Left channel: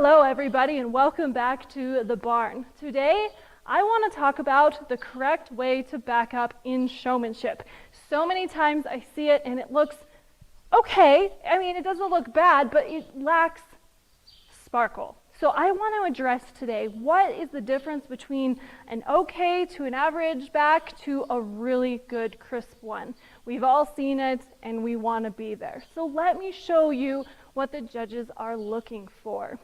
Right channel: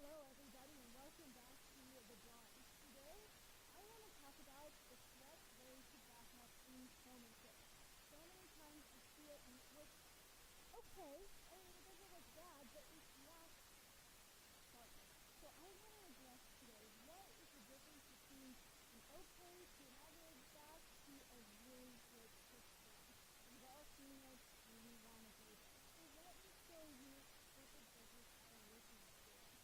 Hello everybody and welcome back to the barn. Today I want to talk about the correct way to back up in showmanship. So many times I see it and it looks okay. I mean, it doesn't look bad, but it lacks sparkle. So I want to address today what is the difference between an okay to an average back to a really good crisp one. We've all seen it and we want to be there. So let me show you what the judges are looking for.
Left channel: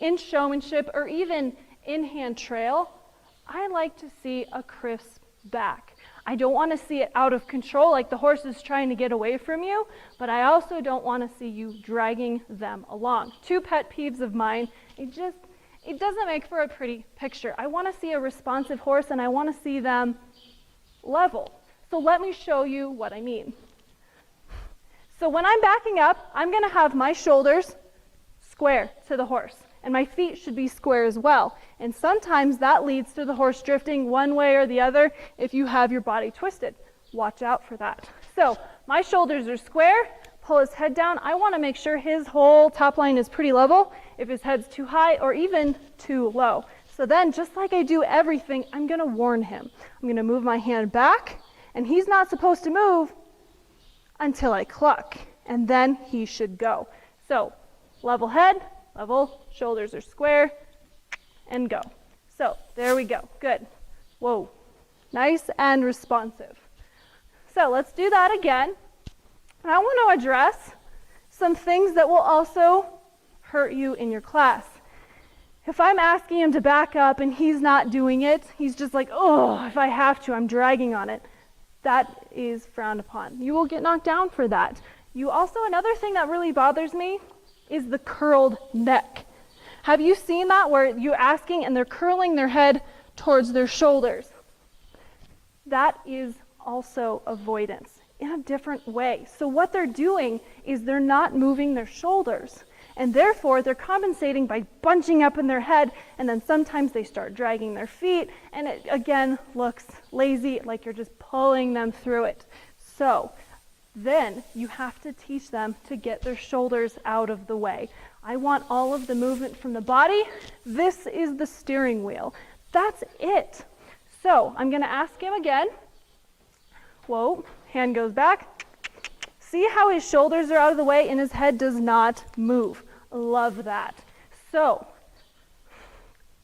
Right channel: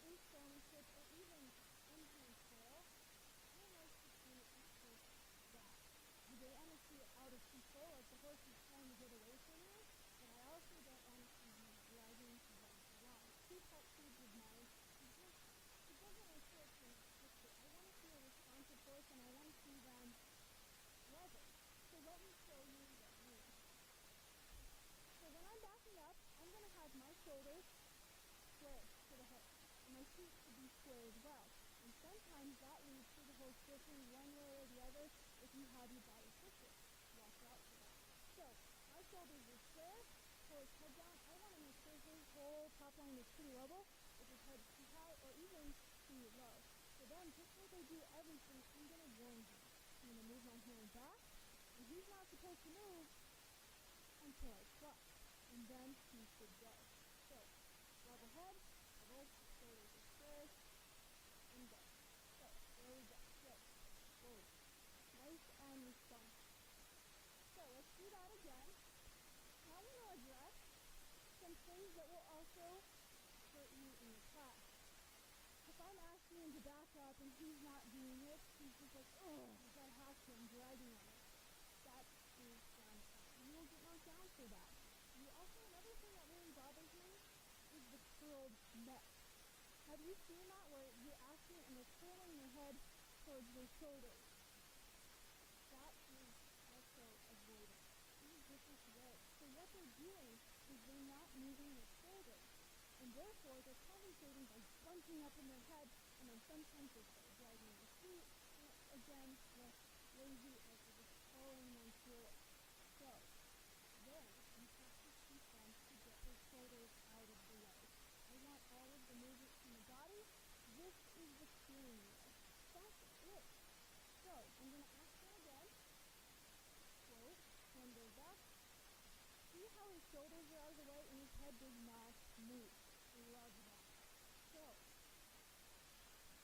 In showmanship or even in hand trail, I like to see a crisp back. I don't want to see it out of control like the horse is trying to get away from you, but I also don't want to see you dragging them along. Two pet peeves of mine, it doesn't make for a pretty picture. I want to see a responsive horse and I want to see them level. So let me show you what I mean. So when I'm backing up, I'm going to have my shoulders square to the horse. And my feet should be square as well. And sometimes that leads to the horse drifting one way or the other if you have your body twisted. Watch out for that. So my shoulders are square, pull his head down. I want to make sure his whole top line is pretty level if his head's too high or even too low. So then, just like I do everything, I'm going to warn him. I'm going to move my hand back, and he's not supposed to move until I cluck, and then he should go. So level head, level, shoulders are square, and go. So there we go. Good. Whoa. Nice and responsive. So let's do that again. And I want to address some things that will also hurt you in your class. If I'm asking him to back up and he's not doing it, he's just like, oh, if I have to, I'm dragging on it. That is frowned upon. You will get knocked down for that. Another thing that really bothers me is the curled neck. Have you seen that where you're asking and they're curling their head towards their shoulders? That is also avoidance in a different way. So what they're doing is they're not moving their shoulders, and therefore they're compensating by bunching up in their head, and then sometimes they start dragging their feet, and it again looks lazy, like you're just pulling them through it. So then you have to teach them to get their shoulders out of the way. I want all of the movement from the body. This is the steering wheel. That's it. So I'm going to ask him again. Whoa, hand goes back. See how his shoulders are out of the way and his head does not move. Love that. So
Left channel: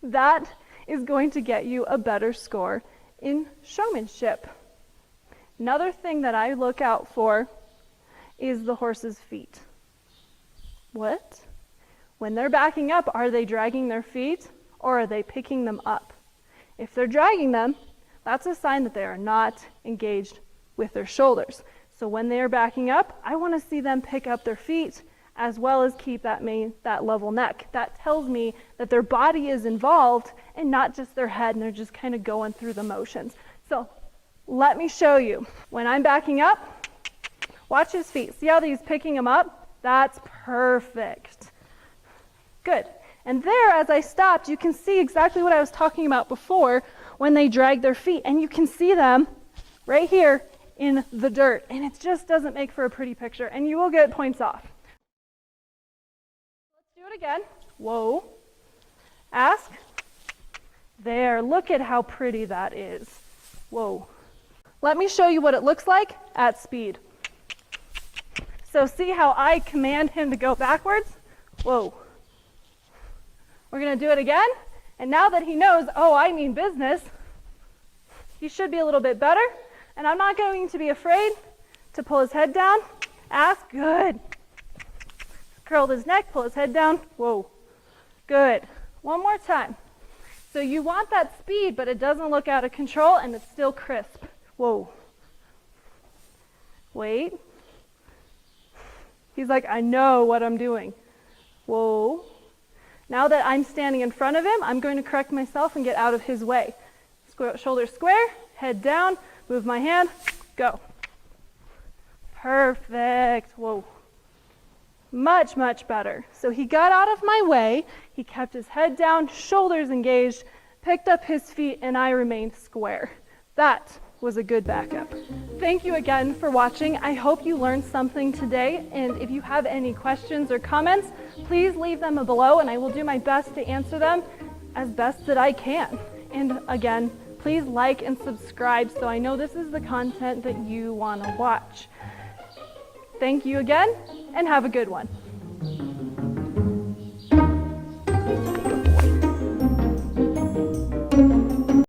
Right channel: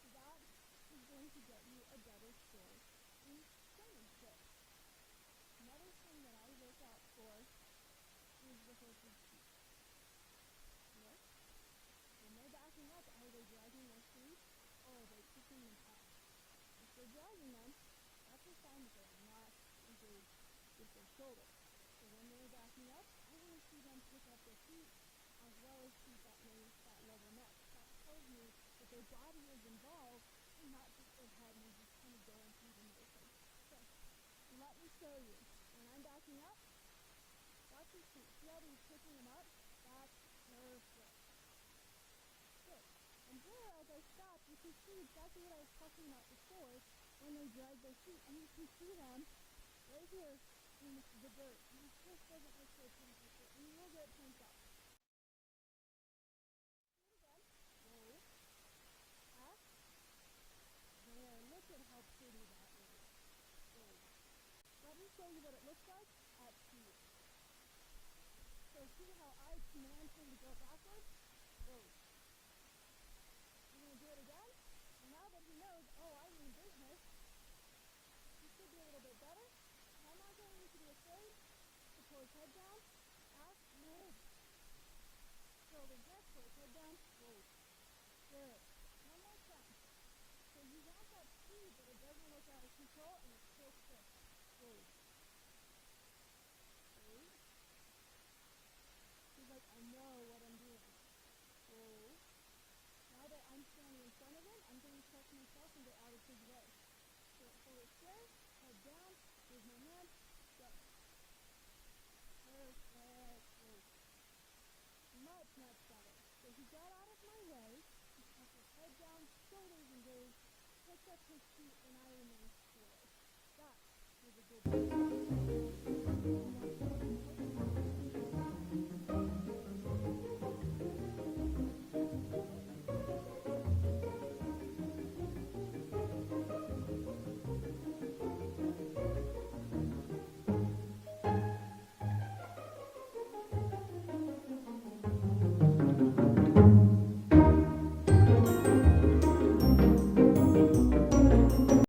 that is going to get you a better score in showmanship. Another thing that I look out for is the horse's feet. What? When they're backing up, are they dragging their feet or are they picking them up? If they're dragging them, that's a sign that they are not engaged with their shoulders. So when they are backing up, I want to see them pick up their feet as well as keep that level neck. That tells me that their body is involved and not just their head, and they're just kind of going through the motions. So let me show you. When I'm backing up, watch his feet. See how he's picking them up? That's perfect. Good. And there, as I stopped, you can see exactly what I was talking about before when they drag their feet. And you can see them right here in the dirt. And it just doesn't make for a pretty picture. And you will get points off. Let's do it again. Whoa. Ask. There. Look at how pretty that is. Whoa. Let me show you what it looks like at speed. So see how I command him to go backwards? Whoa. We're going to do it again. And now that he knows, oh, I mean business, he should be a little bit better. And I'm not going to be afraid to pull his head down. Ask. Good. Curl his neck, pull his head down. Whoa. Good. One more time. So you want that speed, but it doesn't look out of control, and it's still crisp. Whoa. Wait. He's like, I know what I'm doing. Whoa. Now that I'm standing in front of him, I'm going to correct myself and get out of his way. Shoulders square, head down, move my hand, go. Perfect. Whoa. Much, much better. So he got out of my way, he kept his head down, shoulders engaged, picked up his feet, and I remained square. That was a good backup. thank you again for watching. I hope you learned something today, and if you have any questions or comments, please leave them below and I will do my best to answer them as best that I can. And again, please like and subscribe so I know this is the content that you want to watch. Thank you again, and have a good one.